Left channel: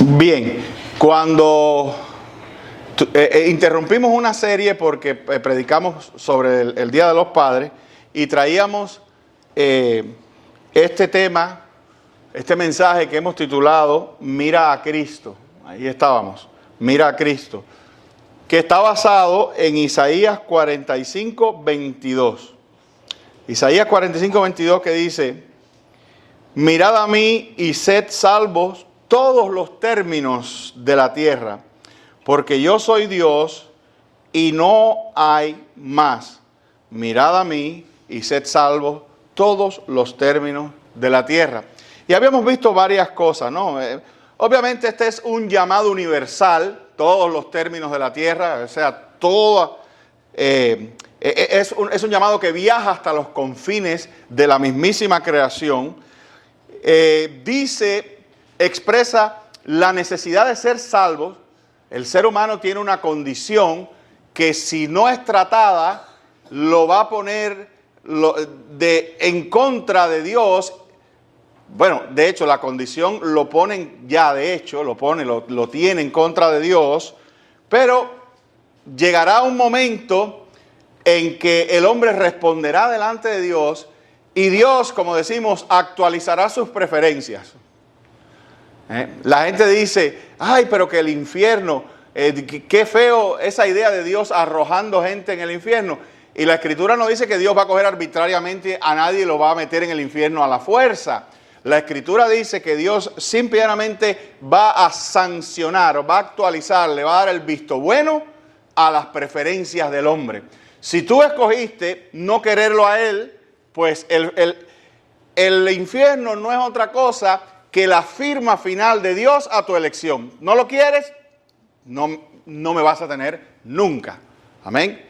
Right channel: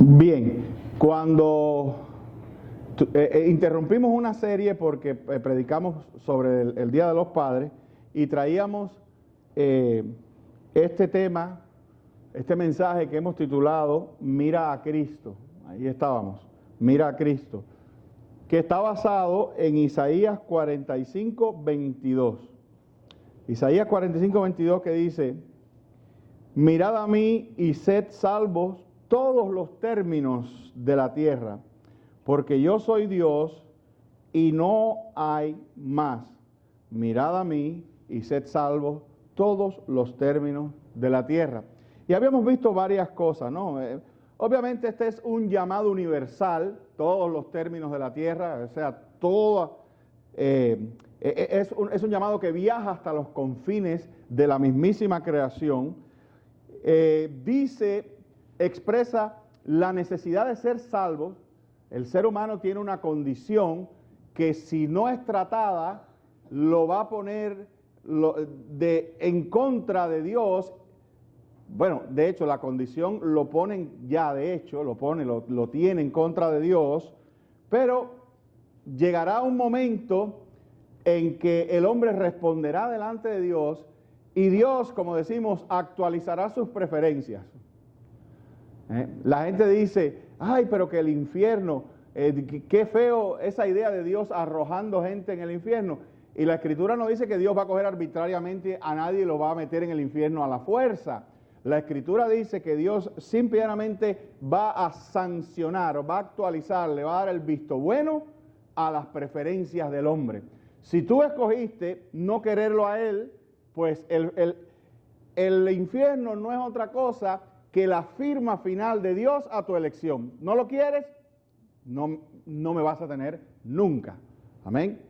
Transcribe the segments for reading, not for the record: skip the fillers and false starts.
Bien, cuando interrumpimos una serie porque predicamos sobre el Día de los Padres y traíamos este tema, este mensaje que hemos titulado Mira a Cristo. Ahí estábamos, Mira a Cristo, que está basado en Isaías 45, 22. Isaías 45, 22 que dice: mirad a mí y sed salvos todos los términos de la tierra, porque yo soy Dios y no hay más. Mirad a mí y sed salvos todos los términos de la tierra. Y habíamos visto varias cosas, ¿no? Obviamente este es un llamado universal, todos los términos de la tierra, o sea, todo, es un llamado que viaja hasta los confines de la mismísima creación. Expresa la necesidad de ser salvos. El ser humano tiene una condición que, si no es tratada, lo va a poner en contra de Dios. Bueno, de hecho, la condición lo ponen ya, de hecho, lo tiene en contra de Dios, pero llegará un momento en que el hombre responderá delante de Dios y Dios, como decimos, actualizará sus preferencias. La gente dice: ay, pero que el infierno, qué feo esa idea de Dios arrojando gente en el infierno. Y la Escritura no dice que Dios va a coger arbitrariamente a nadie y lo va a meter en el infierno a la fuerza. La Escritura dice que Dios simplemente va a sancionar, o va a actualizar, le va a dar el visto bueno a las preferencias del hombre. Si tú escogiste no quererlo a Él, pues el infierno no es otra cosa que la firma final de Dios a tu elección. ¿No lo quieres? No me vas a tener nunca. Amén.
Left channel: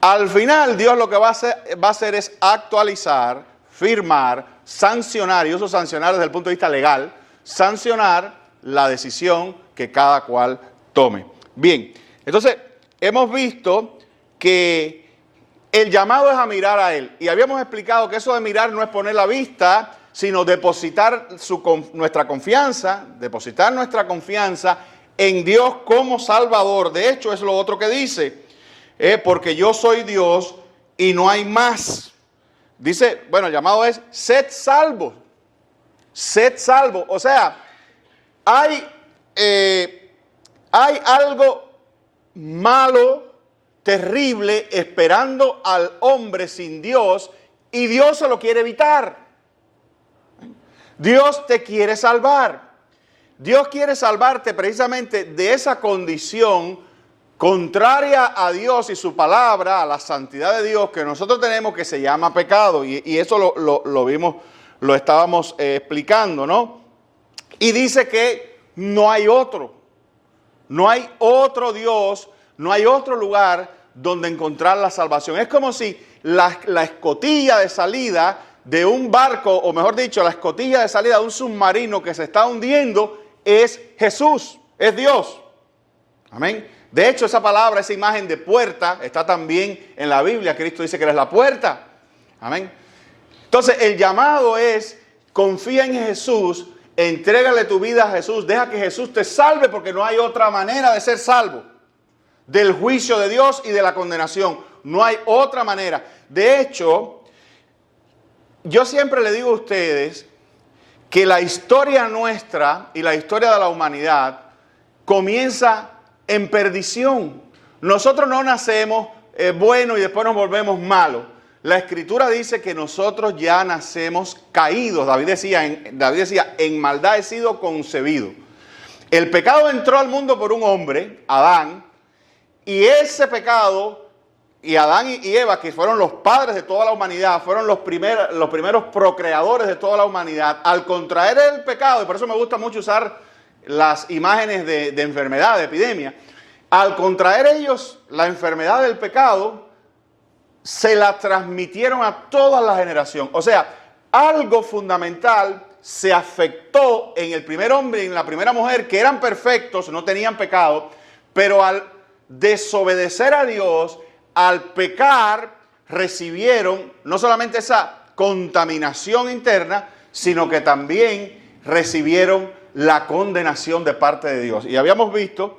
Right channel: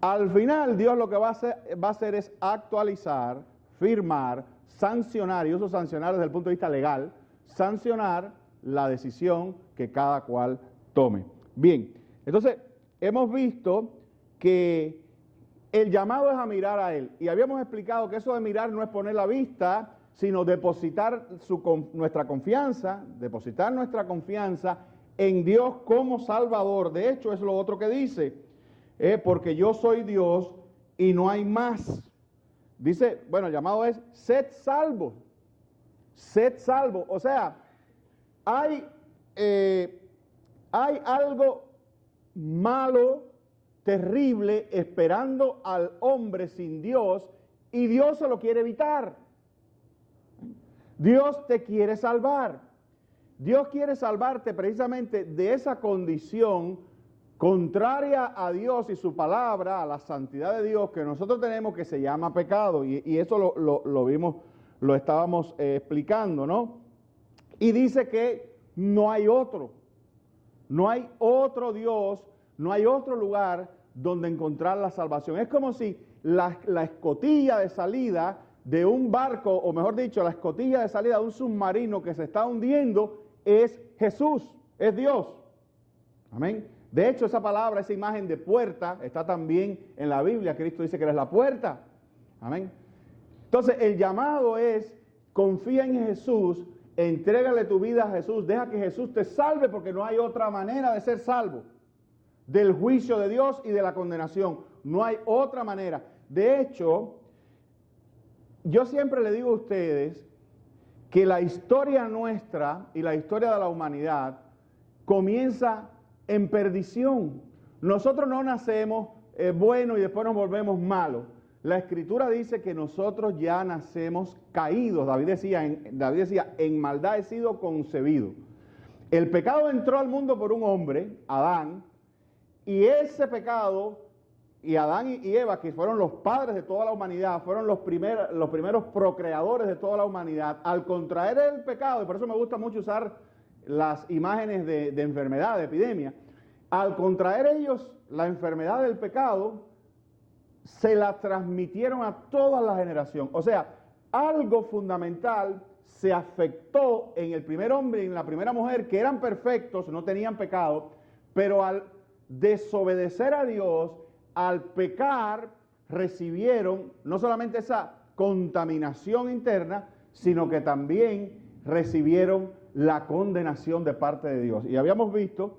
Al final, Dios lo que va a hacer es actualizar, firmar, sancionar, y uso sancionar desde el punto de vista legal, sancionar la decisión que cada cual tome. Bien, entonces hemos visto que el llamado es a mirar a Él. Y habíamos explicado que eso de mirar no es poner la vista, sino depositar nuestra confianza en Dios como Salvador. De hecho, es lo otro que dice, porque yo soy Dios y no hay más. Dice, bueno, el llamado es: sed salvos. Sed salvos. O sea, hay algo malo, terrible, esperando al hombre sin Dios, y Dios se lo quiere evitar. Dios te quiere salvar. Dios quiere salvarte precisamente de esa condición contraria a Dios y su palabra, a la santidad de Dios que nosotros tenemos, que se llama pecado. Y eso lo vimos, lo estábamos explicando, ¿no? Y dice que no hay otro Dios, no hay otro lugar donde encontrar la salvación. Es como si la escotilla de salida de un barco, o mejor dicho, la escotilla de salida de un submarino que se está hundiendo es Jesús, es Dios. Amén. De hecho, esa palabra, esa imagen de puerta, está también en la Biblia. Cristo dice que eres la puerta. Amén. Entonces, el llamado es: confía en Jesús, entrégale tu vida a Jesús, deja que Jesús te salve, porque no hay otra manera de ser salvo del juicio de Dios y de la condenación. No hay otra manera. De hecho, yo siempre le digo a ustedes que la historia nuestra y la historia de la humanidad comienza en perdición. Nosotros no nacemos buenos y después nos volvemos malos. La Escritura dice que nosotros ya nacemos caídos. David decía, en maldad he sido concebido. El pecado entró al mundo por un hombre, Adán, y ese pecado, y Adán y Eva, que fueron los padres de toda la humanidad, fueron los primeros procreadores de toda la humanidad, al contraer el pecado, y por eso me gusta mucho usar las imágenes de enfermedad, de epidemia, al contraer ellos la enfermedad del pecado, se la transmitieron a toda la generación. O sea, algo fundamental se afectó en el primer hombre y en la primera mujer, que eran perfectos, no tenían pecado, pero al desobedecer a Dios, al pecar, recibieron no solamente esa contaminación interna, sino que también recibieron la condenación de parte de Dios. Y habíamos visto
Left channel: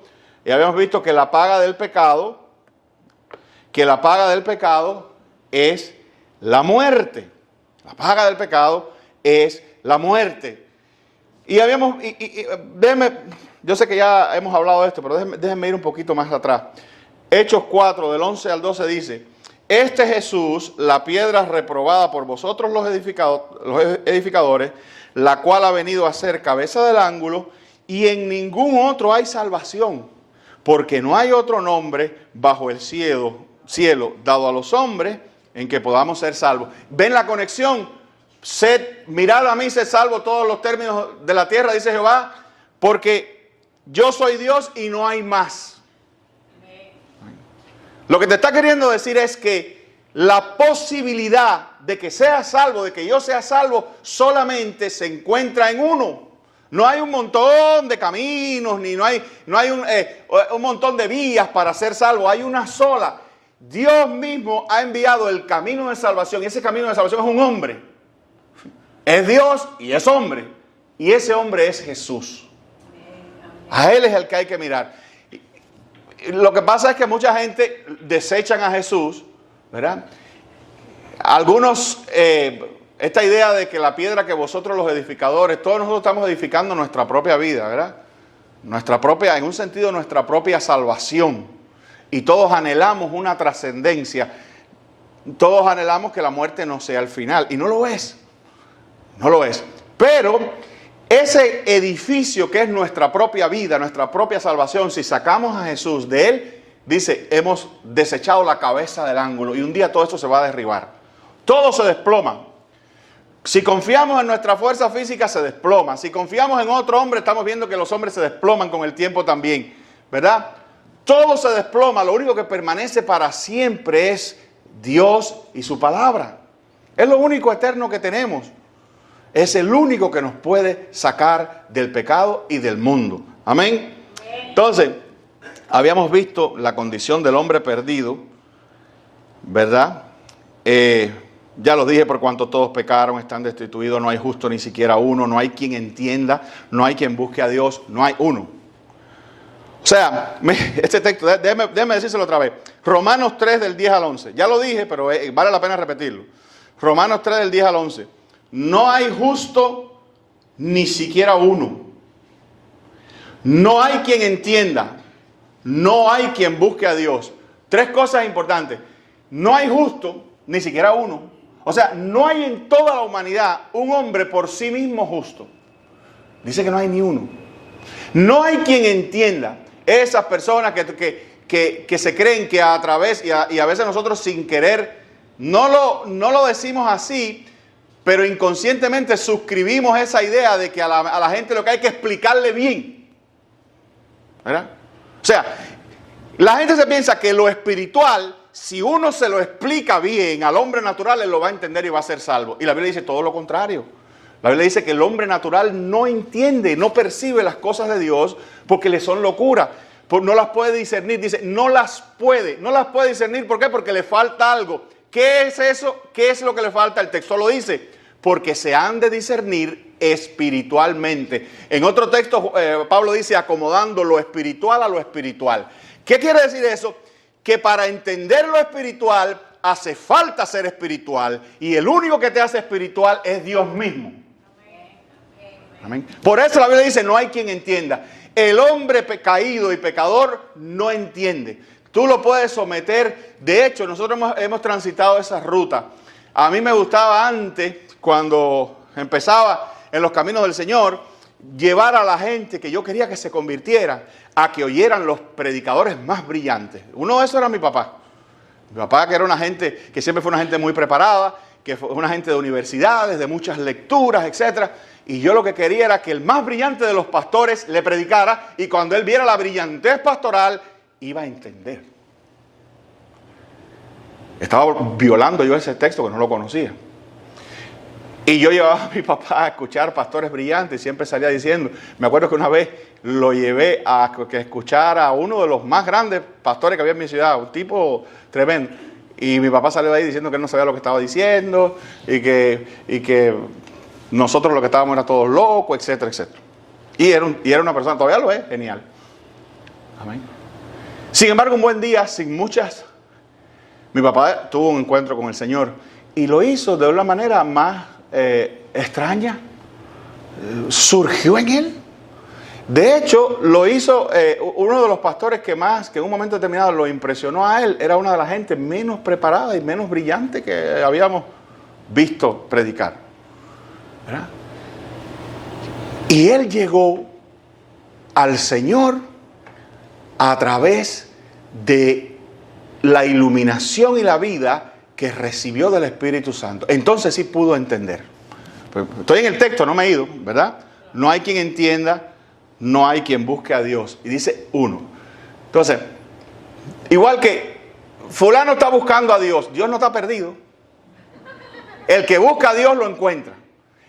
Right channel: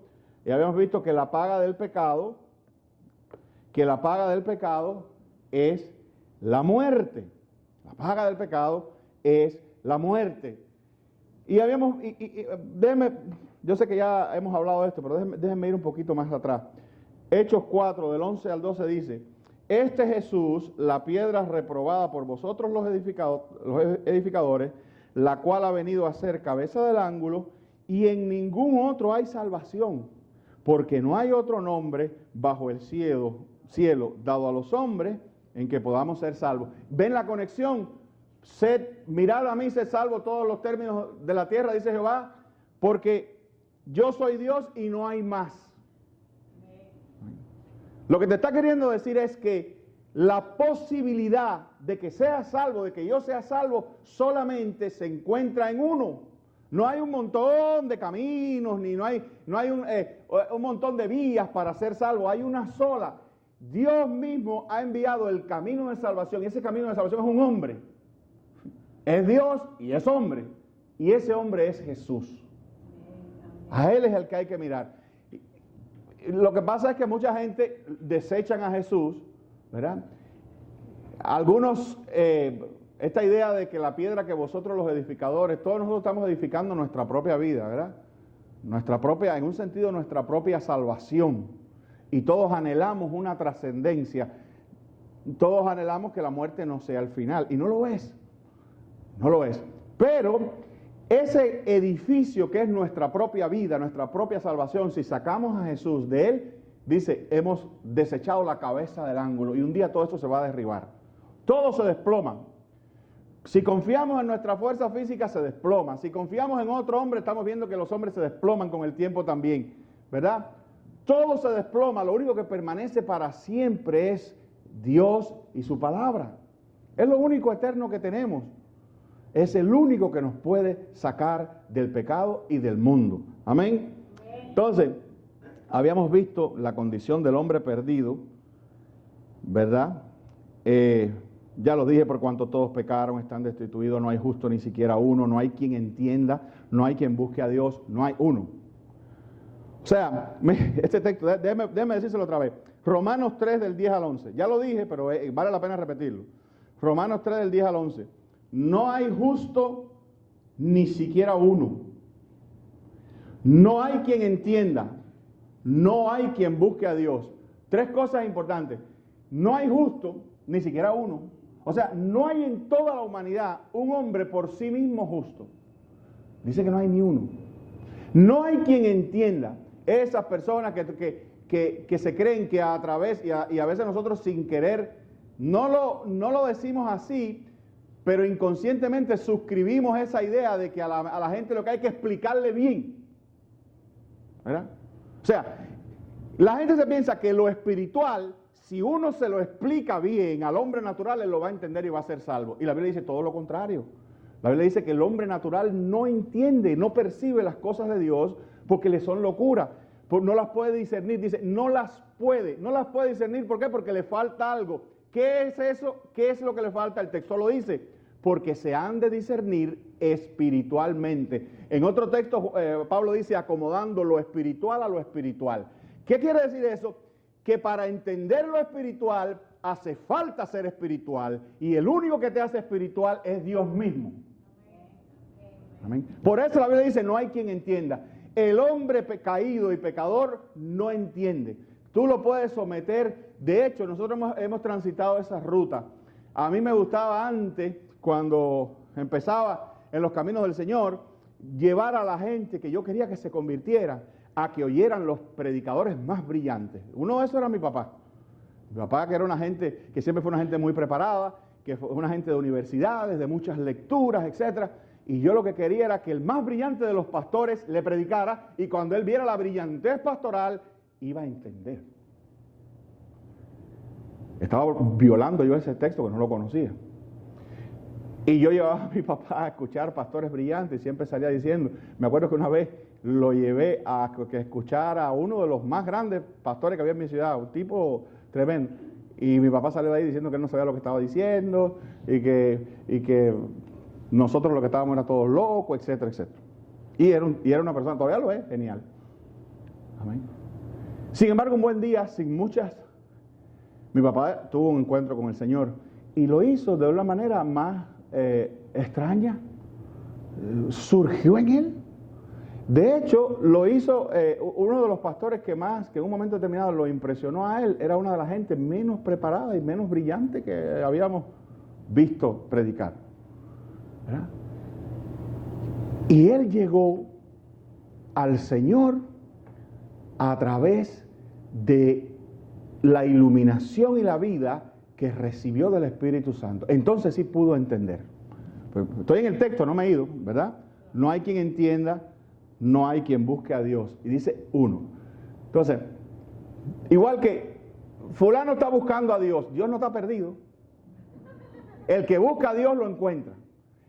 que la paga del pecado, es la muerte. La paga del pecado es la muerte. Y déjenme, yo sé que ya hemos hablado de esto, pero déjenme ir un poquito más atrás. Hechos 4, del 11 al 12 dice: este Jesús, la piedra reprobada por vosotros los edificadores, la cual ha venido a ser cabeza del ángulo, y en ningún otro hay salvación, porque no hay otro nombre bajo el cielo dado a los hombres en que podamos ser salvos. ¿Ven la conexión? Mirad a mí, sed salvo todos los términos de la tierra, dice Jehová, porque yo soy Dios y no hay más. Lo que te está queriendo decir es que la posibilidad de que seas salvo, de que yo sea salvo, solamente se encuentra en uno. No hay un montón de caminos, no hay un montón de vías para ser salvo. Hay una sola. Dios mismo ha enviado el camino de salvación. Y ese camino de salvación es un hombre. Es Dios y es hombre. Y ese hombre es Jesús. A Él es el que hay que mirar. Lo que pasa es que mucha gente desechan a Jesús, ¿verdad? Algunos, esta idea de que la piedra que vosotros los edificadores, todos nosotros estamos edificando nuestra propia vida, ¿verdad? En un sentido, nuestra propia salvación. Y todos anhelamos una trascendencia. Todos anhelamos que la muerte no sea el final. Y no lo es. No lo es. Pero ese edificio que es nuestra propia vida, nuestra propia salvación, si sacamos a Jesús de él, dice, hemos desechado la cabeza del ángulo y un día todo esto se va a derribar. Todo se desploma. Si confiamos en nuestra fuerza física, se desploma. Si confiamos en otro hombre, estamos viendo que los hombres se desploman con el tiempo también, ¿verdad? Todo se desploma. Lo único que permanece para siempre es Dios y su palabra. Es lo único eterno que tenemos. Es el único que nos puede sacar del pecado y del mundo. Amén. Entonces, habíamos visto la condición del hombre perdido, ¿verdad? Ya lo dije, por cuanto todos pecaron, están destituidos, no hay justo ni siquiera uno, no hay quien entienda, no hay quien busque a Dios, no hay uno. O sea, este texto, déjeme decírselo otra vez. Romanos 3 del 10 al 11. Ya lo dije, pero vale la pena repetirlo. Romanos 3 del 10 al 11. No hay justo ni siquiera uno. No hay quien entienda. No hay quien busque a Dios. Tres cosas importantes. No hay justo ni siquiera uno. O sea, no hay en toda la humanidad un hombre por sí mismo justo. Dice que no hay ni uno. No hay quien entienda. Esas personas que se creen que a través, y a veces nosotros sin querer, no lo decimos así, pero inconscientemente suscribimos esa idea de que a la gente lo que hay que explicarle bien, ¿verdad? O sea, la gente se piensa que lo espiritual, si uno se lo explica bien al hombre natural, él lo va a entender y va a ser salvo. Y la Biblia dice todo lo contrario. La Biblia dice que el hombre natural no entiende, no percibe las cosas de Dios porque le son locura. No las puede discernir. Dice, no las puede discernir. ¿Por qué? Porque le falta algo. ¿Qué es eso? ¿Qué es lo que le falta? El texto lo dice. Porque se han de discernir espiritualmente. En otro texto, Pablo dice, acomodando lo espiritual a lo espiritual. ¿Qué quiere decir eso? Que para entender lo espiritual hace falta ser espiritual. Y el único que te hace espiritual es Dios mismo. Amén. Por eso la Biblia dice, no hay quien entienda. El hombre caído y pecador no entiende. Tú lo puedes someter. De hecho, nosotros hemos transitado esa ruta. A mí me gustaba antes, cuando empezaba en los caminos del Señor, llevar a la gente que yo quería que se convirtiera a que oyeran los predicadores más brillantes. Uno de esos era mi papá. Mi papá, que era una gente, que siempre fue una gente muy preparada, que fue una gente de universidades, de muchas lecturas, etcétera. Y yo lo que quería era que el más brillante de los pastores le predicara, y cuando él viera la brillantez pastoral, iba a entender. Estaba violando yo ese texto que no lo conocía. Y yo llevaba a mi papá a escuchar pastores brillantes y siempre salía diciendo, me acuerdo que una vez lo llevé a que escuchara a uno de los más grandes pastores que había en mi ciudad, un tipo tremendo. Y mi papá salió de ahí diciendo que él no sabía lo que estaba diciendo y que nosotros lo que estábamos era todos locos, etcétera, etcétera. Y era una persona, todavía lo es, genial. Amén. Sin embargo, un buen día, mi papá tuvo un encuentro con el Señor y lo hizo de una manera más extraña. Surgió en él. De hecho, lo hizo uno de los pastores que en un momento determinado lo impresionó a él. Era una de las gente menos preparada y menos brillante que habíamos visto predicar, ¿verdad? Y él llegó al Señor a través de la iluminación y la vida que recibió del Espíritu Santo. Entonces sí pudo entender. Estoy en el texto, no me he ido, ¿verdad? No hay quien entienda, no hay quien busque a Dios. Y dice uno. Entonces, igual que fulano está buscando a Dios, Dios no está perdido. El que busca a Dios lo encuentra.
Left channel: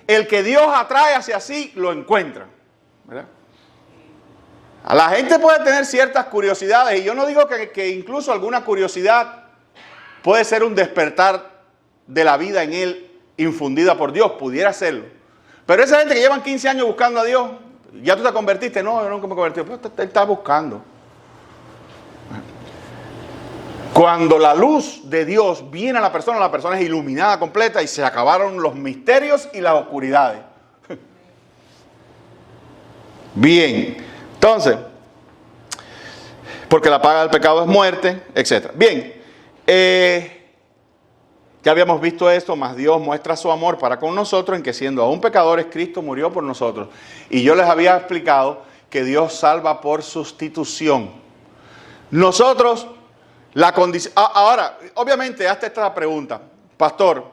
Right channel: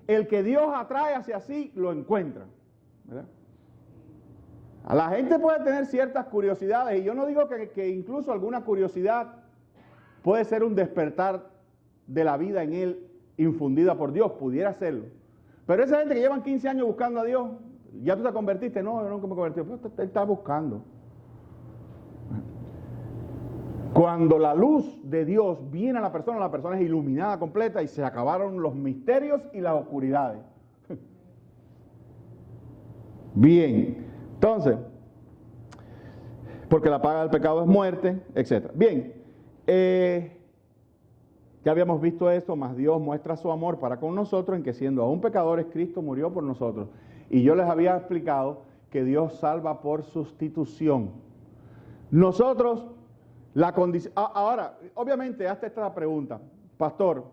El que Dios atrae hacia sí, lo encuentra, ¿verdad? A la gente puede tener ciertas curiosidades, y yo no digo que incluso alguna curiosidad puede ser un despertar de la vida en él infundida por Dios, pudiera serlo. Pero esa gente que llevan 15 años buscando a Dios, ¿ya tú te convertiste? No, yo nunca me convertí. Pero él está buscando. Cuando la luz de Dios viene a la persona es iluminada completa y se acabaron los misterios y las oscuridades. Bien, entonces, porque la paga del pecado es muerte, etc. Bien, ya habíamos visto esto, mas Dios muestra su amor para con nosotros en que siendo aún pecadores, Cristo murió por nosotros. Y yo les había explicado que Dios salva por sustitución. Nosotros, la condición... Ahora, obviamente, hazte esta pregunta. Pastor,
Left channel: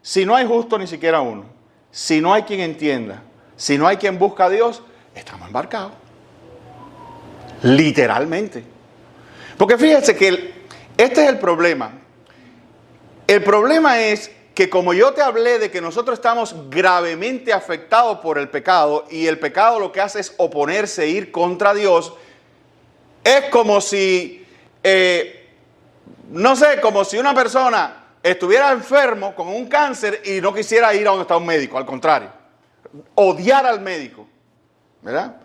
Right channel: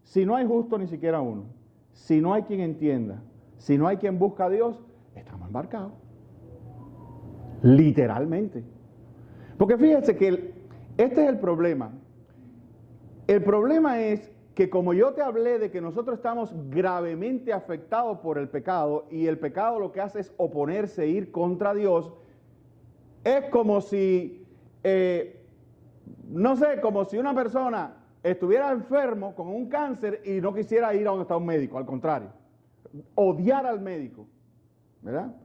si no hay justo ni siquiera uno, si no hay quien entienda, si no hay quien busca a Dios, estamos embarcados. Literalmente. Porque fíjense que este es el problema. El problema es que como yo te hablé de que nosotros estamos gravemente afectados por el pecado y el pecado lo que hace es oponerse, ir contra Dios, es como si, no sé, como si una persona estuviera enfermo con un cáncer y no quisiera ir a donde está un médico, al contrario, odiar al médico, ¿verdad?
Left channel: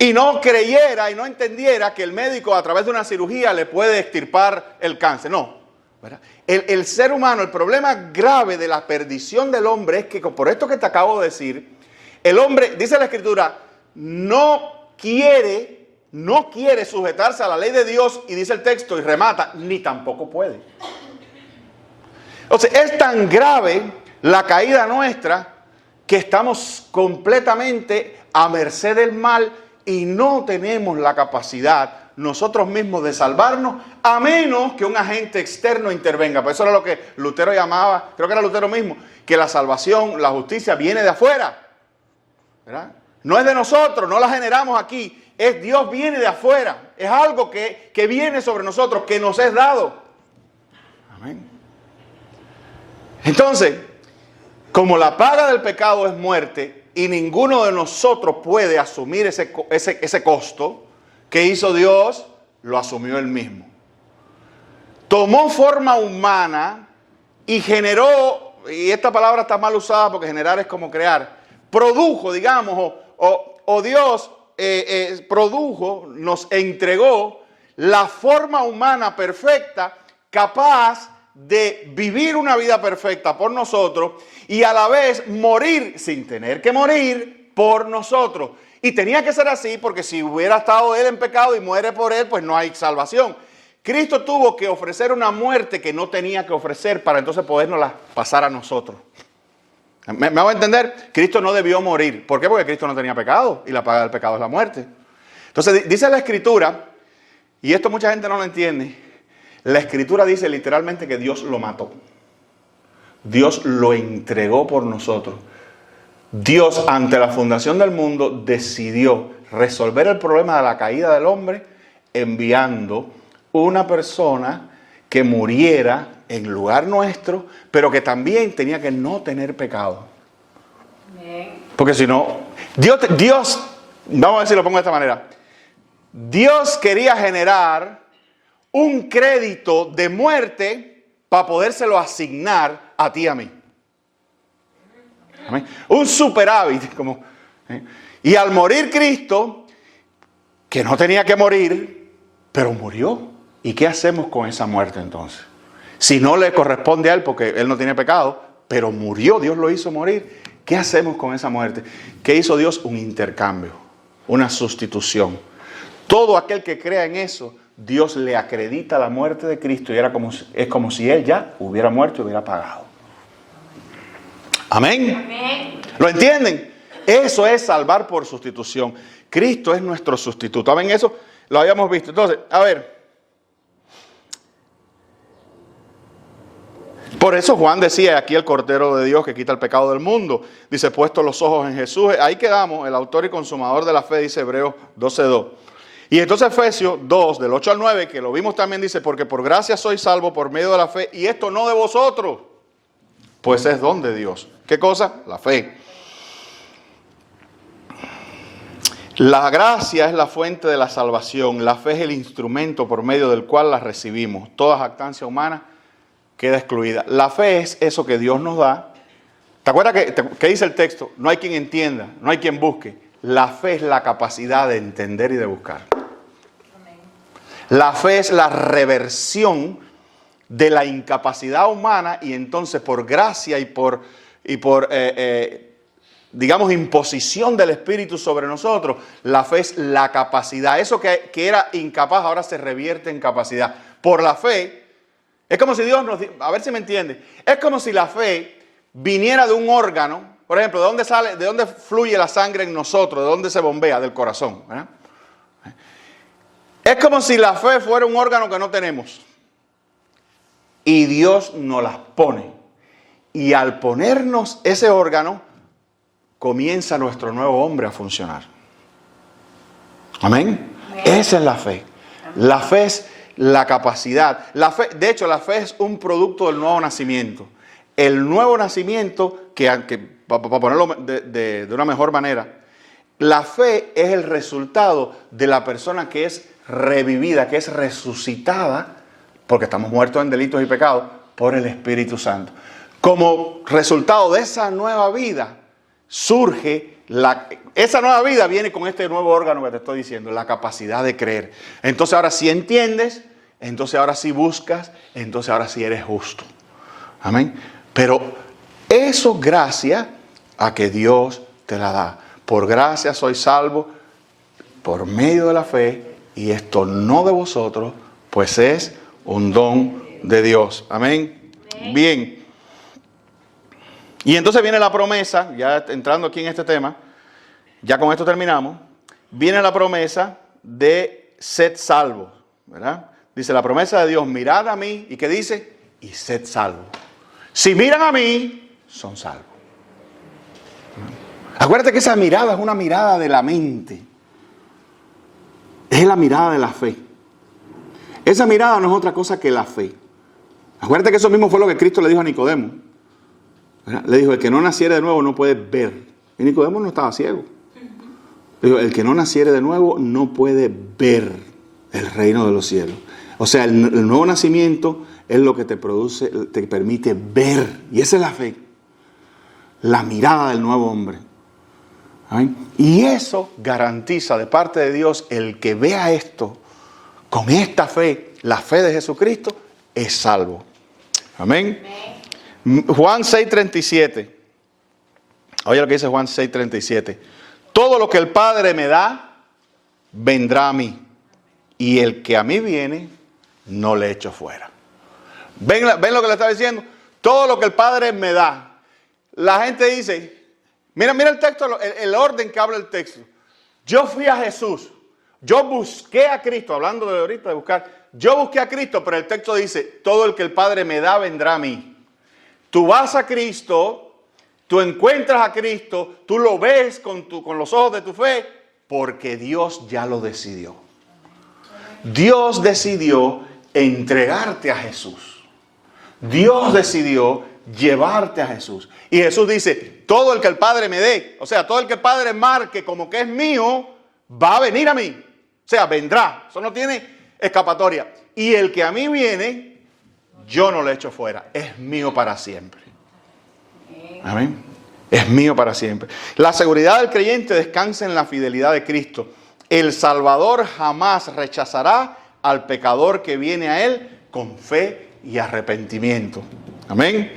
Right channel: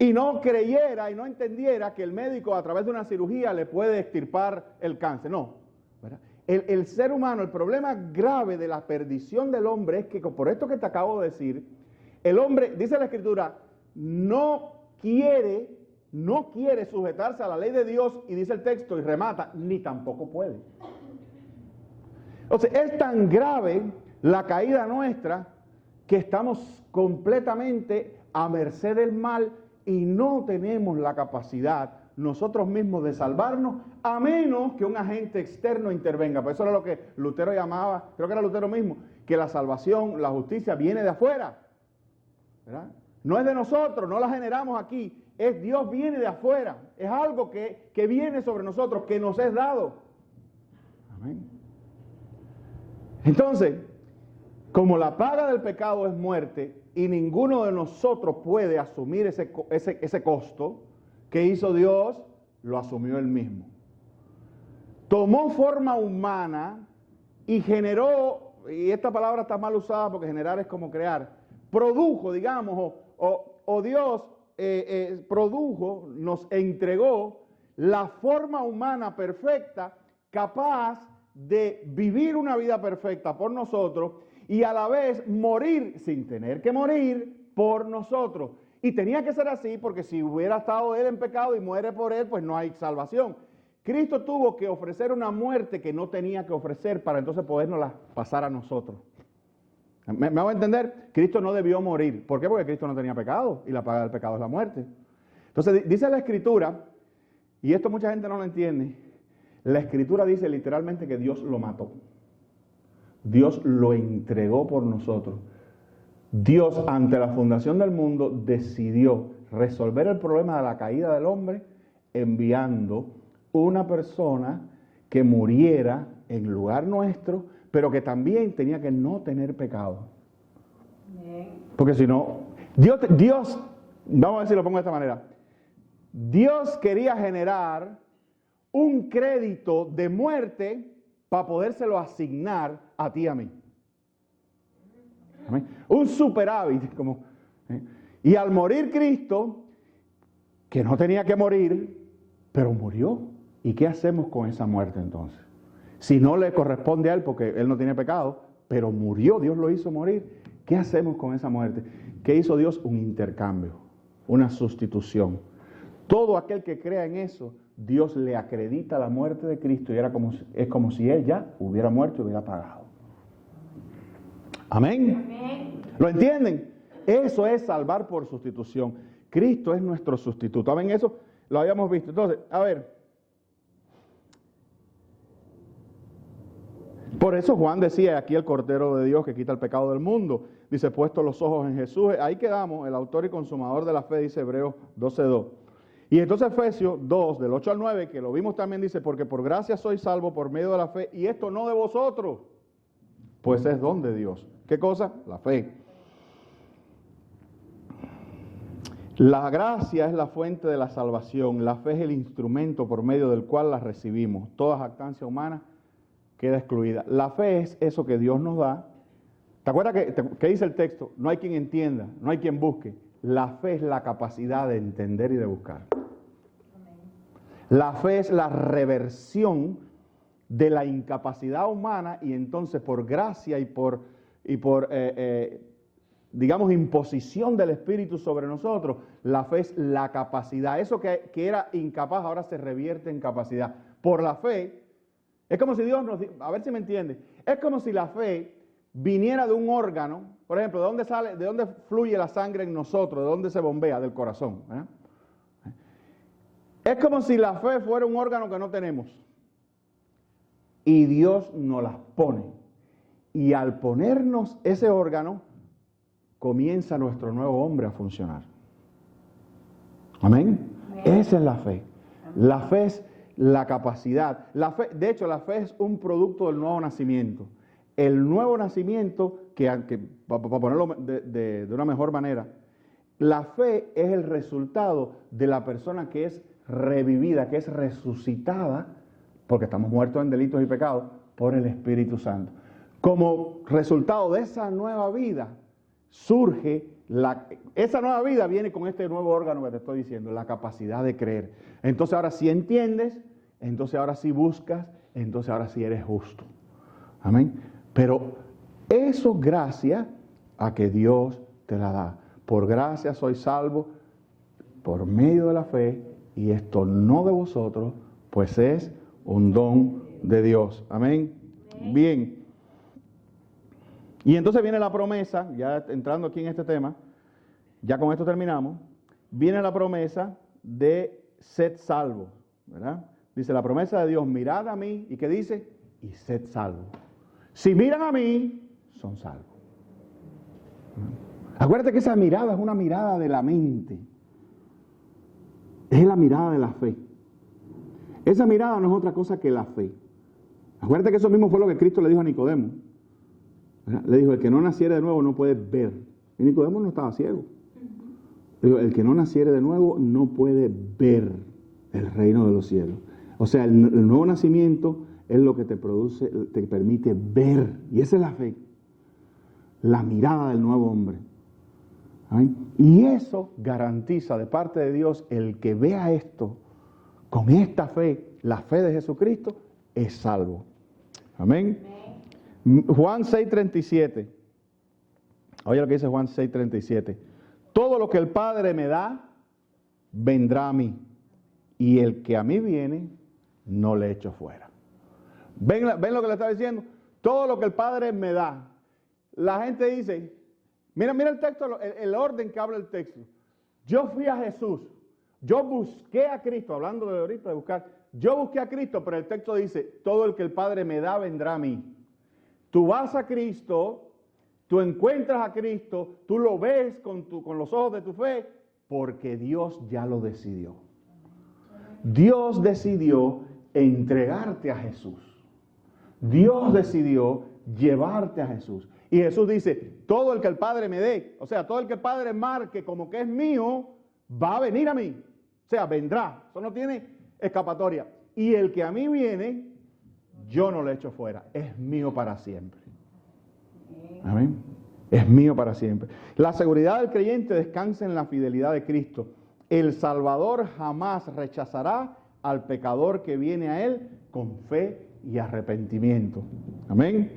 Y no creyera y no entendiera que el médico a través de una cirugía le puede extirpar el cáncer, no, ¿verdad? El ser humano, el problema grave de la perdición del hombre es que, por esto que te acabo de decir, el hombre, dice la Escritura, no quiere sujetarse a la ley de Dios, y dice el texto y remata, ni tampoco puede. O sea, es tan grave la caída nuestra que estamos completamente a merced del mal y no tenemos la capacidad nosotros mismos de salvarnos, a menos que un agente externo intervenga. Por eso era lo que Lutero llamaba, creo que era Lutero mismo, que la salvación, la justicia viene de afuera, ¿verdad? No es de nosotros, no la generamos aquí, es Dios viene de afuera, es algo que viene sobre nosotros, que nos es dado. Amén. Entonces, como la paga del pecado es muerte y ninguno de nosotros puede asumir ese costo, ¿qué hizo Dios? Lo asumió Él mismo. Tomó forma humana y generó, y esta palabra está mal usada porque generar es como crear, produjo, digamos, o Dios produjo, nos entregó la forma humana perfecta, capaz de vivir una vida perfecta por nosotros y a la vez morir sin tener que morir por nosotros. Y tenía que ser así porque si hubiera estado él en pecado y muere por él, pues no hay salvación. Cristo tuvo que ofrecer una muerte que no tenía que ofrecer para entonces podernos pasar a nosotros. ¿Me hago entender? Cristo no debió morir. ¿Por qué? Porque Cristo no tenía pecado y la paga del pecado es la muerte. Entonces dice la Escritura, y esto mucha gente no lo entiende, la Escritura dice literalmente que Dios lo mató. Dios lo entregó por nosotros. Dios, ante la fundación del mundo, decidió resolver el problema de la caída del hombre enviando una persona que muriera en lugar nuestro, pero que también tenía que no tener pecado. Porque si no, Dios, vamos a ver si lo pongo de esta manera. Dios quería generar un crédito de muerte para podérselo asignar a ti y a mí. Amén. Un superávit, como Y al morir Cristo, que no tenía que morir, pero murió. ¿Y qué hacemos con esa muerte entonces? Si no le corresponde a Él, porque Él no tiene pecado, pero murió, Dios lo hizo morir. ¿Qué hacemos con esa muerte? ¿Qué hizo Dios? Un intercambio, una sustitución. Todo aquel que crea en eso, Dios le acredita la muerte de Cristo y es como si Él ya hubiera muerto y hubiera pagado. Amén. Amén. ¿Lo entienden? Eso es salvar por sustitución. Cristo es nuestro sustituto. Amén. Eso lo habíamos visto. Entonces, a ver. Por eso Juan decía, aquí el Cordero de Dios que quita el pecado del mundo. Dice, puesto los ojos en Jesús. Ahí quedamos, el autor y consumador de la fe, dice Hebreos 12:2. Y entonces Efesios 2, del 8 al 9, que lo vimos también, dice, porque por gracia sois salvos por medio de la fe, y esto no de vosotros, pues es don de Dios. ¿Qué cosa? La fe. La gracia es la fuente de la salvación, la fe es el instrumento por medio del cual la recibimos. Toda jactancia humana queda excluida. La fe es eso que Dios nos da. ¿Te acuerdas que dice el texto? No hay quien entienda, no hay quien busque. La fe es la capacidad de entender y de buscar. La fe es la reversión de la incapacidad humana y entonces por gracia y por digamos, imposición del Espíritu sobre nosotros, la fe es la capacidad. Eso que era incapaz ahora se revierte en capacidad. Por la fe, es como si Dios nos... A ver si me entiende. Es como si la fe viniera de un órgano. Por ejemplo, ¿de dónde fluye la sangre en nosotros? ¿De dónde se bombea? Del corazón, ¿verdad? Es como si la fe fuera un órgano que no tenemos. Y Dios nos las pone. Y al ponernos ese órgano, comienza nuestro nuevo hombre a funcionar. Amén. Esa es la fe. La fe es la capacidad. La fe, de hecho, la fe es un producto del nuevo nacimiento. El nuevo nacimiento, para ponerlo de una mejor manera, la fe es el resultado de la persona que es revivida, que es resucitada, porque estamos muertos en delitos y pecados, por el Espíritu Santo. Como resultado de esa nueva vida, surge esa nueva vida viene con este nuevo órgano que te estoy diciendo, la capacidad de creer. Entonces ahora sí entiendes, entonces ahora sí buscas, entonces ahora sí eres justo. Amén. Pero eso gracias a que Dios te la da. Por gracia soy salvo por medio de la fe, y esto no de vosotros, pues es un don de Dios. Amén. Bien. Y entonces viene la promesa, ya entrando aquí en este tema, ya con esto terminamos, viene la promesa de sed salvos, ¿verdad? Dice la promesa de Dios, mirad a mí, ¿y qué dice? Y sed salvos. Si miran a mí, son salvos. Acuérdate que esa mirada es una mirada de la mente. Es la mirada de la fe. Esa mirada no es otra cosa que la fe. Acuérdate que eso mismo fue lo que Cristo le dijo a Nicodemo. Le dijo, el que no naciere de nuevo no puede ver. Y Nicodemo no estaba ciego. Le dijo, el que no naciere de nuevo no puede ver el reino de los cielos. O sea, el nuevo nacimiento es lo que te produce, te permite ver. Y esa es la fe. La mirada del nuevo hombre. ¿Amén? Y eso garantiza de parte de Dios el que vea esto con esta fe, la fe de Jesucristo, es salvo. Amén. Juan 6:37. Oye lo que dice Juan 6:37. Todo lo que el Padre me da, vendrá a mí. Y el que a mí viene, no le echo fuera. ¿Ven lo que le está diciendo? Todo lo que el Padre me da. La gente dice, mira el texto, el orden que habla el texto. Yo fui a Jesús. Yo busqué a Cristo. Hablando de ahorita de buscar. Yo busqué a Cristo, pero el texto dice, todo el que el Padre me da, vendrá a mí. Tú vas a Cristo, tú encuentras a Cristo, tú lo ves con los ojos de tu fe, porque Dios ya lo decidió. Dios decidió entregarte a Jesús. Dios decidió llevarte a Jesús. Y Jesús dice, todo el que el Padre me dé, o sea, todo el que el Padre marque como que es mío, va a venir a mí. O sea, vendrá. Eso no tiene escapatoria. Y el que a mí viene, yo no le echo fuera. Es mío para siempre. Amén. Es mío para siempre. La seguridad del creyente descansa en la fidelidad de Cristo. El Salvador jamás rechazará al pecador que viene a Él con fe y arrepentimiento. Amén.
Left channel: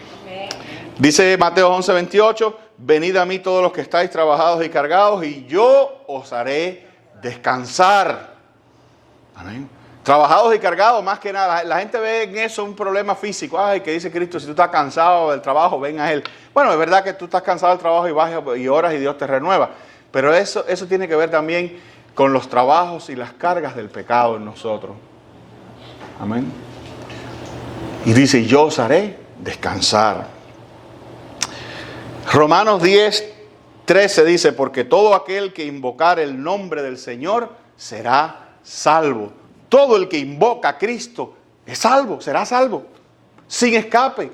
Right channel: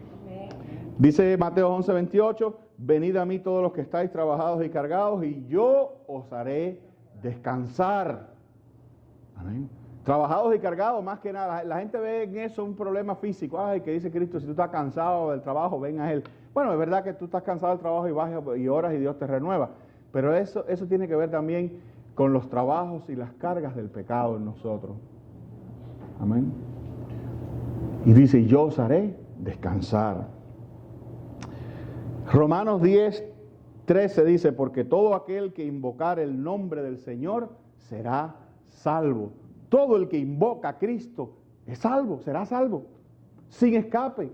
Dice Mateo 11:28, venid a mí todos los que estáis trabajados y cargados y yo os haré descansar. Amén. Trabajados y cargados, más que nada. La gente ve en eso un problema físico. Ay, que dice Cristo, si tú estás cansado del trabajo, ven a Él. Bueno, es verdad que tú estás cansado del trabajo y vas y oras y Dios te renueva. Pero eso tiene que ver también con los trabajos y las cargas del pecado en nosotros. Amén. Y dice, yo os haré descansar. Romanos 10:13 dice, porque todo aquel que invocar el nombre del Señor será salvo. Todo el que invoca a Cristo es salvo, será salvo, sin escape.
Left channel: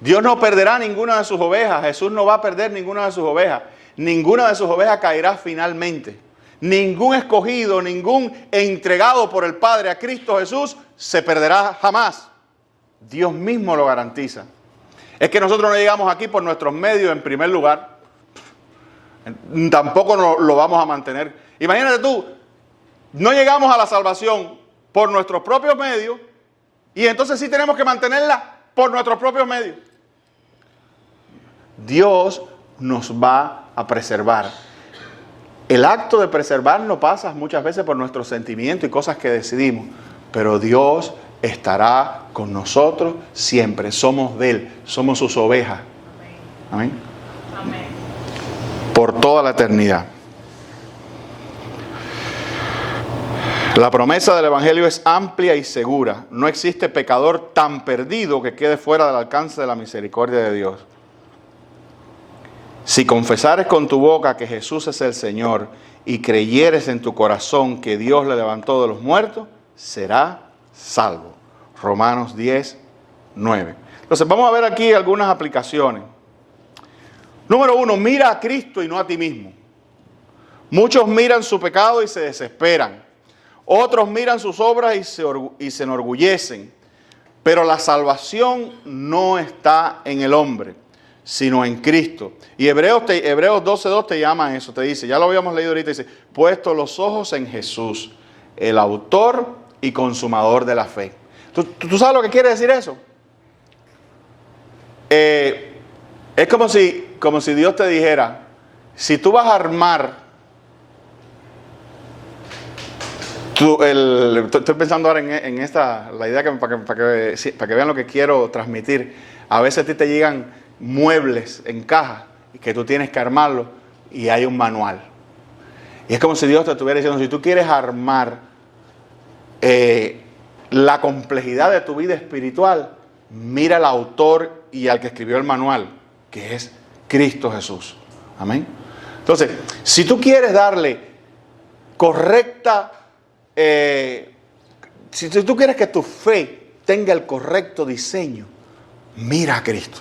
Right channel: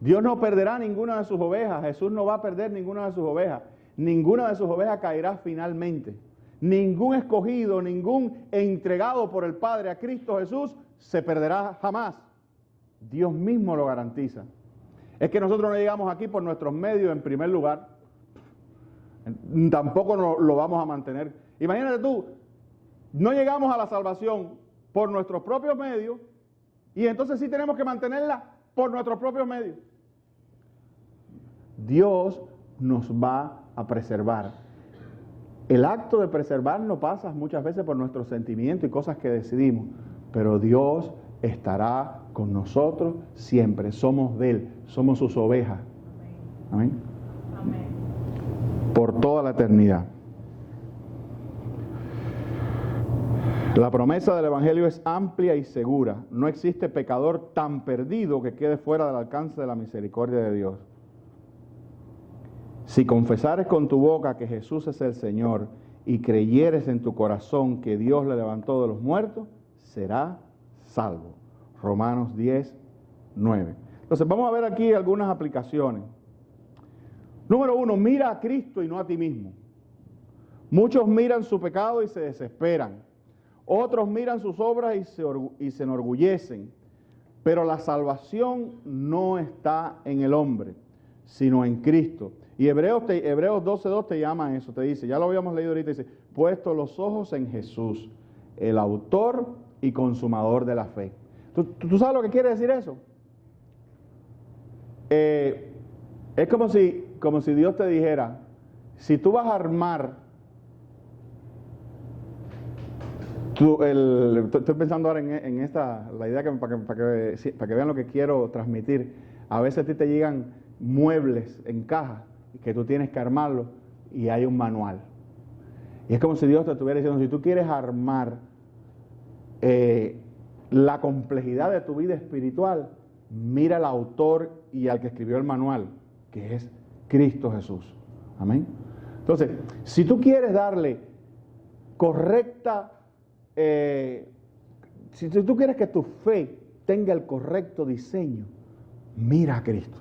Dios no perderá ninguna de sus ovejas. Jesús no va a perder ninguna de sus ovejas. Ninguna de sus ovejas caerá finalmente. Ningún escogido, ningún entregado por el Padre a Cristo Jesús se perderá jamás. Dios mismo lo garantiza. Es que nosotros no llegamos aquí por nuestros medios en primer lugar. Tampoco lo vamos a mantener. Imagínate tú, no llegamos a la salvación por nuestros propios medios y entonces sí tenemos que mantenerla por nuestros propios medios. Dios nos va a preservar. El acto de preservar no pasa muchas veces por nuestros sentimientos y cosas que decidimos, pero Dios estará con nosotros siempre. Somos de Él, somos sus ovejas. Amén. Amén. Por toda la eternidad. La promesa del Evangelio es amplia y segura. No existe pecador tan perdido que quede fuera del alcance de la misericordia de Dios. Si confesares con tu boca que Jesús es el Señor y creyeres en tu corazón que Dios le levantó de los muertos, será salvo. Romanos 10:9. Entonces vamos a ver aquí algunas aplicaciones. Número 1, mira a Cristo y no a ti mismo. Muchos miran su pecado y se desesperan. Otros miran sus obras y se enorgullecen. Pero la salvación no está en el hombre, sino en Cristo. Y Hebreos 12:2 te llama a eso, te dice, ya lo habíamos leído ahorita, dice, puesto los ojos en Jesús, el autor y consumador de la fe. ¿Tú sabes lo que quiere decir eso? Es como si Dios te dijera, si tú vas a armar, estoy pensando ahora en esta, la idea para que vean lo que quiero transmitir. A veces a ti te llegan muebles en caja y que tú tienes que armarlo y hay un manual. Y es como si Dios te estuviera diciendo, si tú quieres armar la complejidad de tu vida espiritual, mira al autor y al que escribió el manual, que es Cristo Jesús. Amén. Entonces, si tú quieres darle correcta, si tú quieres que tu fe tenga el correcto diseño, mira a Cristo.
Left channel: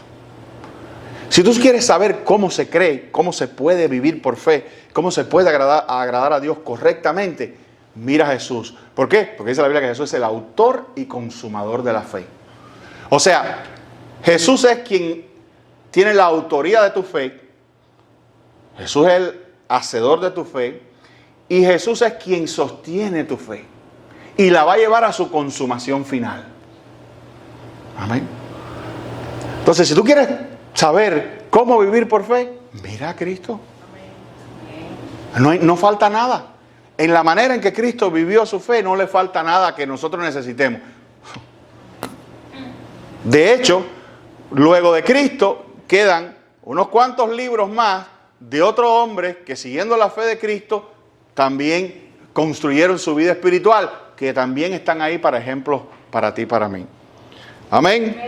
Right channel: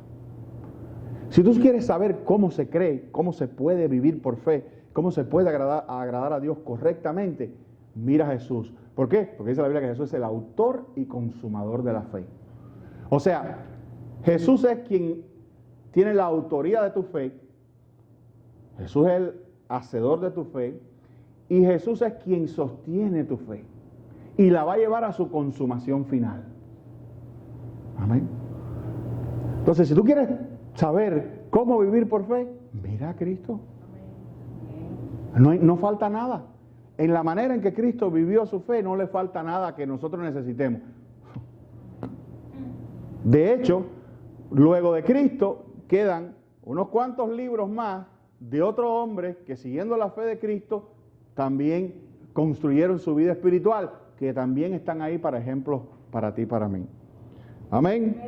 Si tú quieres saber cómo se cree, cómo se puede vivir por fe, cómo se puede agradar a Dios correctamente, mira a Jesús. ¿Por qué? Porque dice la Biblia que Jesús es el autor y consumador de la fe. O sea, Jesús es quien tiene la autoría de tu fe. Jesús es el hacedor de tu fe. Y Jesús es quien sostiene tu fe. Y la va a llevar a su consumación final. Amén. Entonces, si tú quieres saber cómo vivir por fe, mira a Cristo. No falta nada. En la manera en que Cristo vivió su fe, no le falta nada que nosotros necesitemos. De hecho, luego de Cristo quedan unos cuantos libros más de otros hombres que, siguiendo la fe de Cristo, también construyeron su vida espiritual, que también están ahí para ejemplos para ti y para mí. Amén.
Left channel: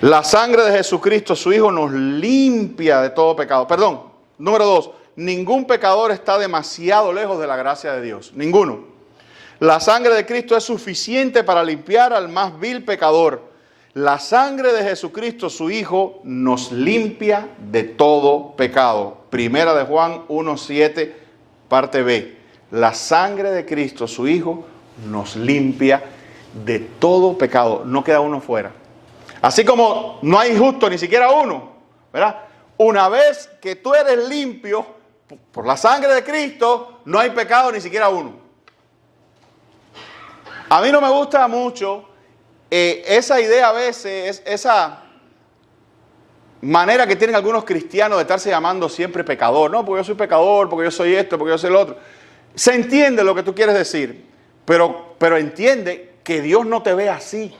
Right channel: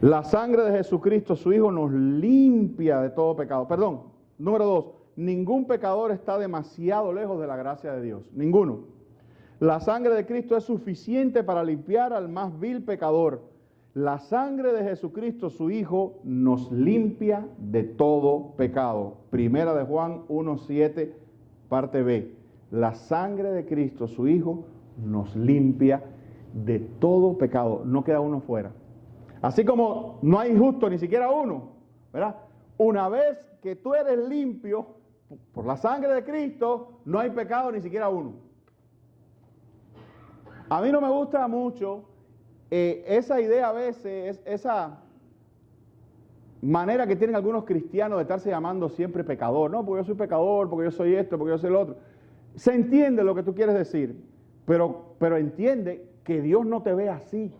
La sangre de Jesucristo, su Hijo, nos limpia de todo pecado. Perdón, número 2. Ningún pecador está demasiado lejos de la gracia de Dios. Ninguno. La sangre de Cristo es suficiente para limpiar al más vil pecador. La sangre de Jesucristo, su Hijo, nos limpia de todo pecado. Primera de Juan 1:7, parte B. La sangre de Cristo, su Hijo, nos limpia de todo pecado. No queda uno fuera. Así como no hay justo ni siquiera uno, ¿verdad? Una vez que tú eres limpio por la sangre de Cristo, no hay pecado ni siquiera uno. A mí no me gusta mucho esa idea a veces, esa manera que tienen algunos cristianos de estarse llamando siempre pecador. No, porque yo soy pecador, porque yo soy esto, porque yo soy el otro. Se entiende lo que tú quieres decir, pero entiende que Dios no te ve así.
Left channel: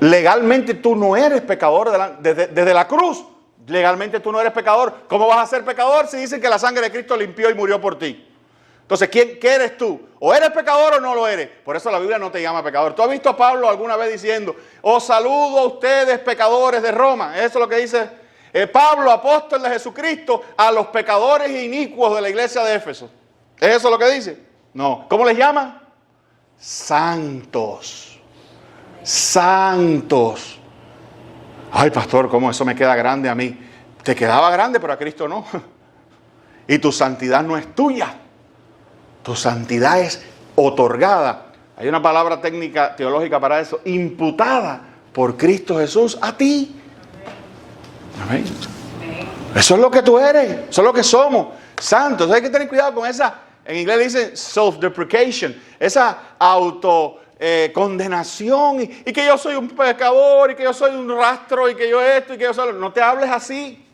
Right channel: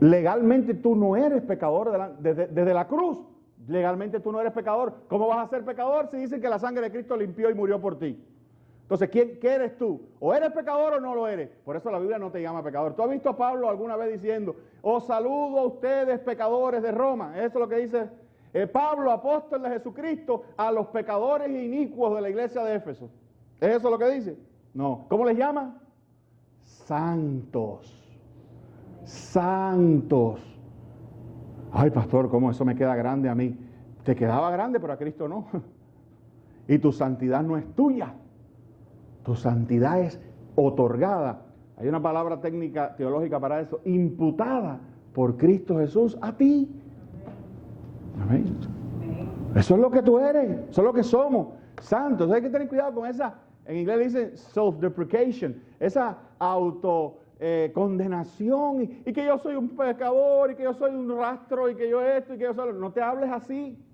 Legalmente tú no eres pecador desde la cruz. Legalmente tú no eres pecador. ¿Cómo vas a ser pecador si dicen que la sangre de Cristo limpió y murió por ti? Entonces, ¿qué eres tú? ¿O eres pecador o no lo eres? Por eso la Biblia no te llama pecador. ¿Tú has visto a Pablo alguna vez diciendo, os saludo a ustedes pecadores de Roma? Eso es lo que dice Pablo, apóstol de Jesucristo, a los pecadores inicuos de la iglesia de Éfeso. ¿Es eso lo que dice? No. ¿Cómo les llama? Santos. Santos. Ay, pastor, ¿cómo eso me queda grande a mí? Te quedaba grande, pero a Cristo no. Y tu santidad no es tuya. Tu santidad es otorgada. Hay una palabra técnica teológica para eso. Imputada por Cristo Jesús a ti. Amén. Eso es lo que tú eres. Eso es lo que somos. Santos. Hay que tener cuidado con esa. En inglés dicen self-deprecation. Esa condenación. Y que yo soy un pecador. Y que yo soy un rastro. Y que yo esto. Y que yo soy. No te hables así.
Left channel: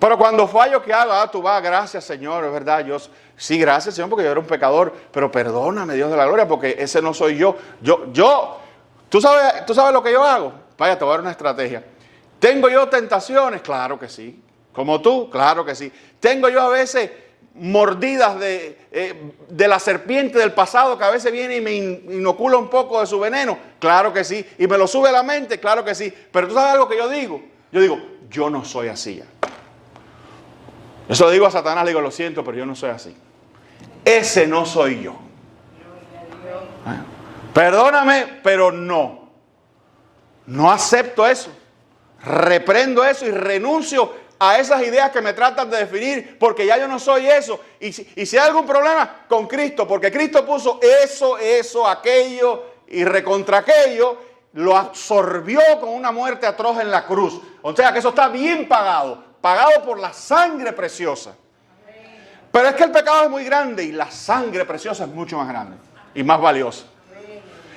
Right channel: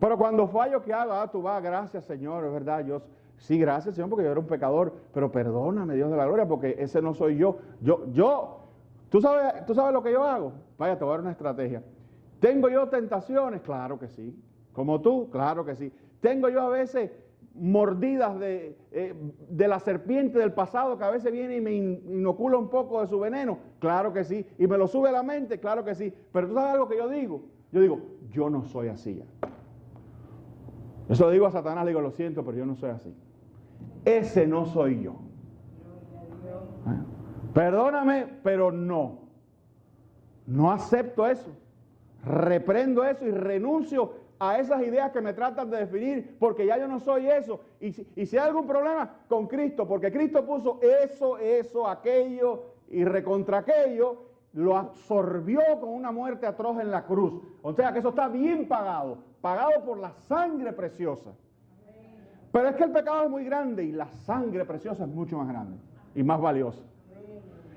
Pero cuando fallo, ¿qué hago? Tú vas, gracias Señor, es verdad, sí, gracias Señor, porque yo era un pecador, pero perdóname Dios de la gloria, porque ese no soy yo. ¿Tú sabes lo que yo hago? Vaya, te voy a dar una estrategia. ¿Tengo yo tentaciones? Claro que sí. ¿Como tú? Claro que sí. ¿Tengo yo a veces mordidas de la serpiente del pasado que a veces viene y me inocula un poco de su veneno? Claro que sí. ¿Y me lo sube a la mente? Claro que sí. Pero ¿tú sabes algo que yo digo? Yo digo, yo no soy así ya. Eso le digo a Satanás, le digo, lo siento, pero yo no soy así. Ese no soy yo. Perdóname, pero no. No acepto eso. Reprendo eso y renuncio a esas ideas que me tratan de definir, porque ya yo no soy eso. Y si hay algún problema, con Cristo, porque Cristo puso eso, aquello y recontra aquello, lo absorbió con una muerte atroz en la cruz. O sea que eso está bien pagado por la sangre preciosa. Pero es que el pecado es muy grande y la sangre preciosa es mucho más grande y más valiosa.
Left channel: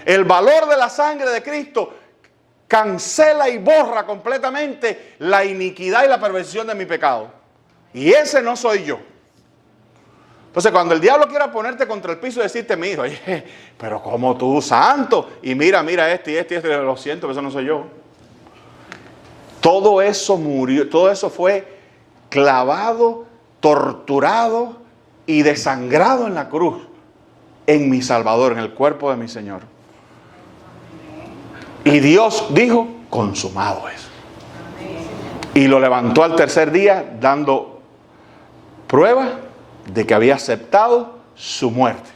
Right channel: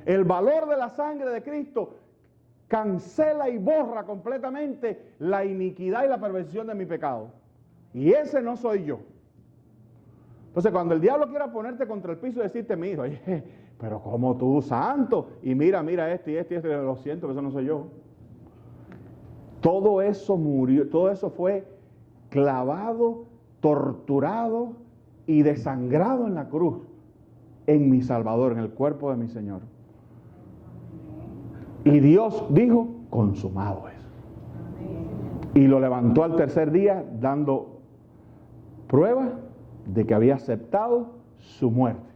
El valor de la sangre de Cristo cancela y borra completamente la iniquidad y la perversión de mi pecado. Y ese no soy yo. Entonces, cuando el diablo quiera ponerte contra el piso y decirte, mira, oye, pero como tú, santo, y mira esto y esto, lo siento, pero eso no soy yo. Todo eso murió, todo eso fue clavado, torturado y desangrado en la cruz, en mi Salvador, en el cuerpo de mi Señor. Y Dios dijo, consumado es. Y lo levantó al tercer día, dando prueba de que había aceptado su muerte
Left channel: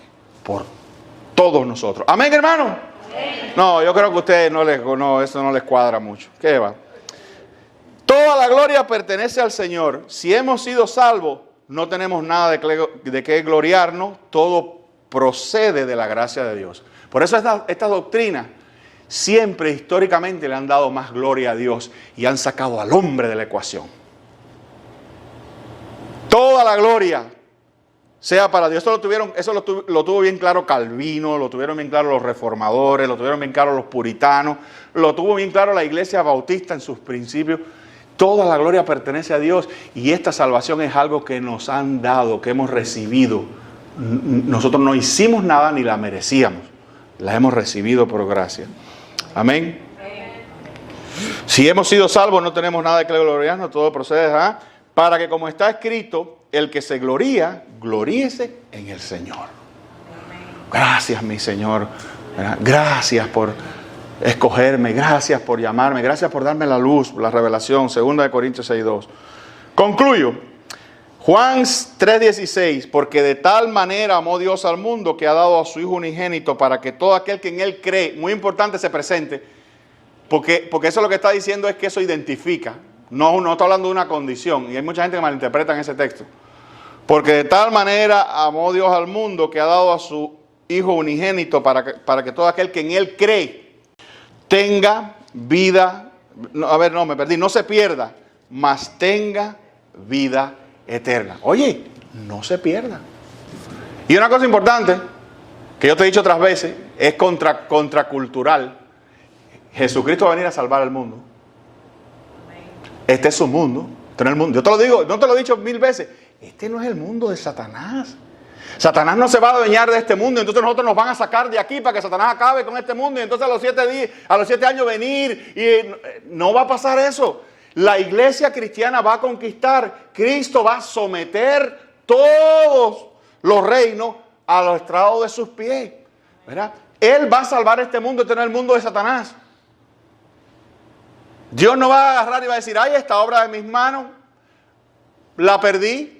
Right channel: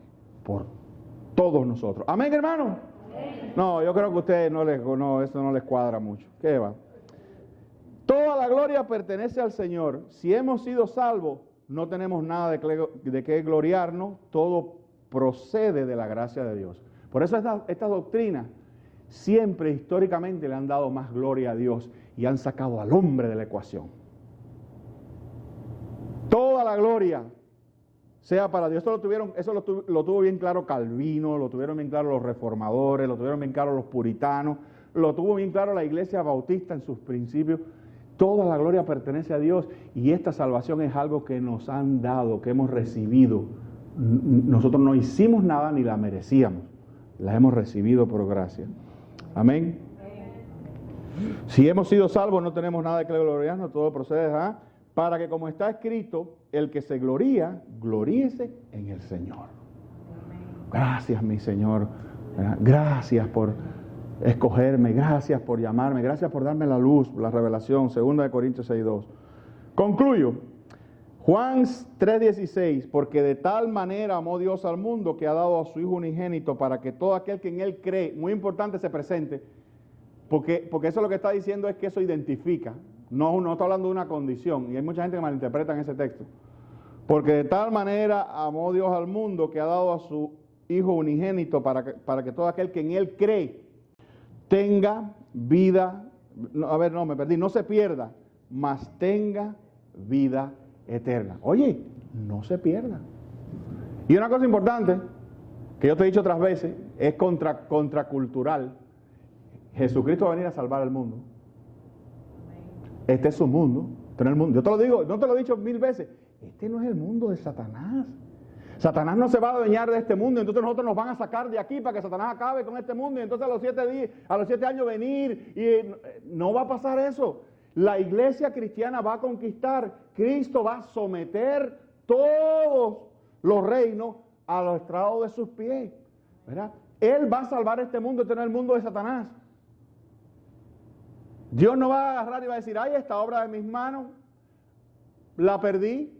por todos nosotros. Amén, hermano. No, yo creo que a ustedes eso no les cuadra mucho. ¿Qué va? Toda la gloria pertenece al Señor. Si hemos sido salvos, no tenemos nada de qué gloriarnos. Todo procede de la gracia de Dios. Por eso estas doctrinas siempre históricamente le han dado más gloria a Dios y han sacado al hombre de la ecuación. Toda la gloria sea para Dios. Eso lo tuvo bien claro Calvino, lo tuvieron bien claro los reformadores, lo tuvieron bien claro los puritanos, lo tuvo bien claro la iglesia bautista en sus principios. Toda la gloria pertenece a Dios y esta salvación es algo que nos han dado, que hemos recibido. Nosotros no hicimos nada ni la merecíamos. La hemos recibido por gracia. Amén. Si hemos sido salvos no tenemos nada de que gloriarnos, todo procede para que, como está escrito, el que se gloría, gloríese en el Señor. Gracias, mi Señor. Gracias por escogerme, gracias por llamarme, gracias por darme la luz, la revelación. 2 Corintios 6:2. Concluyo. Juan 3:16, porque de tal manera amó Dios al mundo que ha dado a su Hijo unigénito para que todo aquel que en Él cree, muy importante, se presente, porque eso lo que está diciendo es que eso identifica, no está hablando de una condición, y hay mucha gente que malinterpreta en ese texto. Porque de tal manera amó Dios al mundo que ha dado a su Hijo unigénito para que todo aquel que en Él cree tenga vida me perdí, no se pierda, mas tenga vida eterna. Oye, no se pierda. Y una cosa importante, que yo te he dicho otras veces, es contracultural. Jesucristo va a venir a salvar al mundo. Este es su mundo. Este no es el mundo. Yo te lo digo, no te lo he dicho 1000 veces. Este no es el mundo de Satanás. Satanás no se va a adueñar de este mundo, entonces nosotros nos van a sacar de aquí para que Satanás acabe con este mundo y entonces a los 7 años venir y no va a pasar eso. La iglesia cristiana va a conquistar. Cristo va a someter todos los reinos a los estrados de sus pies, ¿verdad? Él va a salvar este mundo, este no es el mundo de Satanás. Dios no va a agarrar y va a decir, ay, esta obra de mis manos la perdí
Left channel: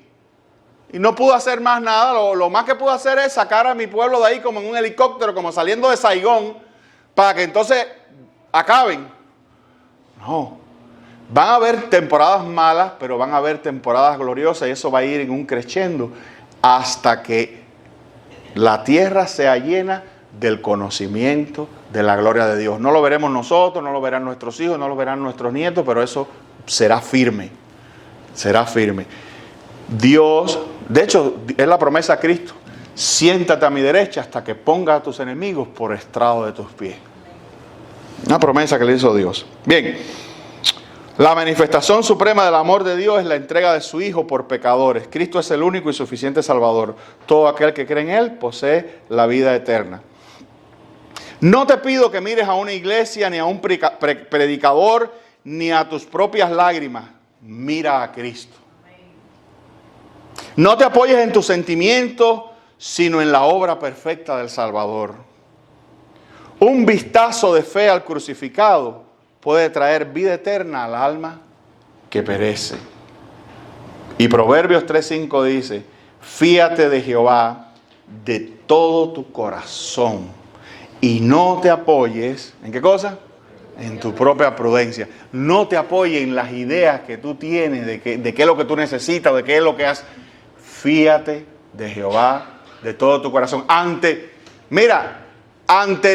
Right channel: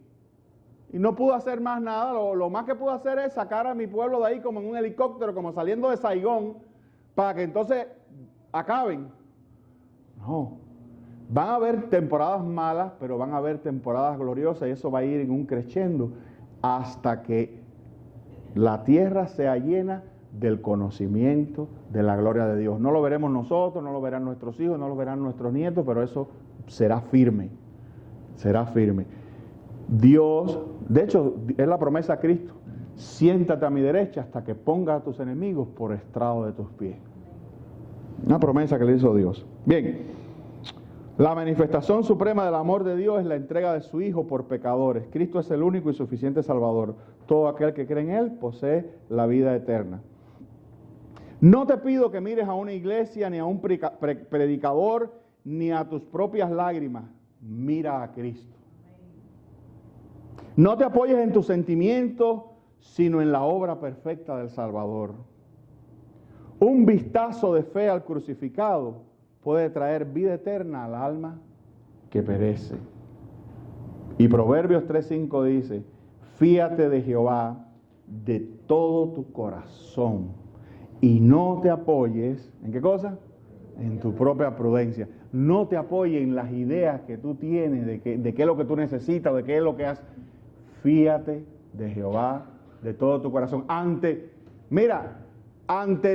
y no pude hacer más nada. Lo más que pude hacer es sacar a mi pueblo de ahí como en un helicóptero, como saliendo de Saigón, para que entonces acaben. No. Van a haber temporadas malas, pero van a haber temporadas gloriosas y eso va a ir en un crescendo hasta que la tierra sea llena del conocimiento de la gloria de Dios. No lo veremos nosotros, no lo verán nuestros hijos, no lo verán nuestros nietos, pero eso será firme. Será firme. Dios, de hecho, es la promesa a Cristo. Siéntate a mi derecha hasta que ponga a tus enemigos por estrado de tus pies. Una promesa que le hizo Dios. Bien, la manifestación suprema del amor de Dios es la entrega de su Hijo por pecadores. Cristo es el único y suficiente Salvador. Todo aquel que cree en Él posee la vida eterna. No te pido que mires a una iglesia, ni a un predicador, ni a tus propias lágrimas. Mira a Cristo. No te apoyes en tus sentimientos, sino en la obra perfecta del Salvador. Un vistazo de fe al crucificado puede traer vida eterna al alma que perece. Y Proverbios 3:5 dice, fíate de Jehová de todo tu corazón y no te apoyes, ¿en qué cosa? En tu propia prudencia. No te apoyes en las ideas que tú tienes de qué es lo que tú necesitas, de qué es lo que has. Fíate de Jehová de todo tu corazón. Ante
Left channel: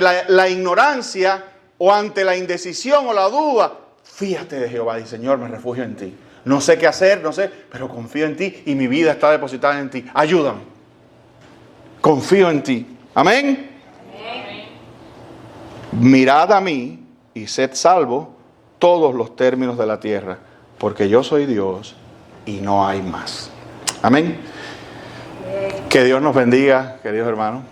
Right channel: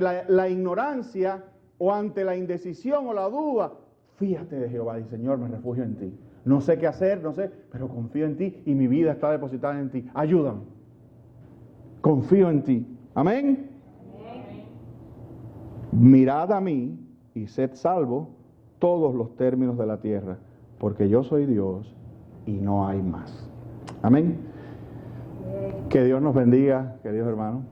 la ignorancia o ante la indecisión o la duda, fíate de Jehová. Y Señor, me refugio en ti. No sé qué hacer, pero confío en ti y mi vida está depositada en ti. Ayúdame. Confío en ti. Amén. Amén. Mirad a mí y sed salvos todos los términos de la tierra, porque yo soy Dios y no hay más. Amén. Que Dios nos bendiga, queridos hermanos.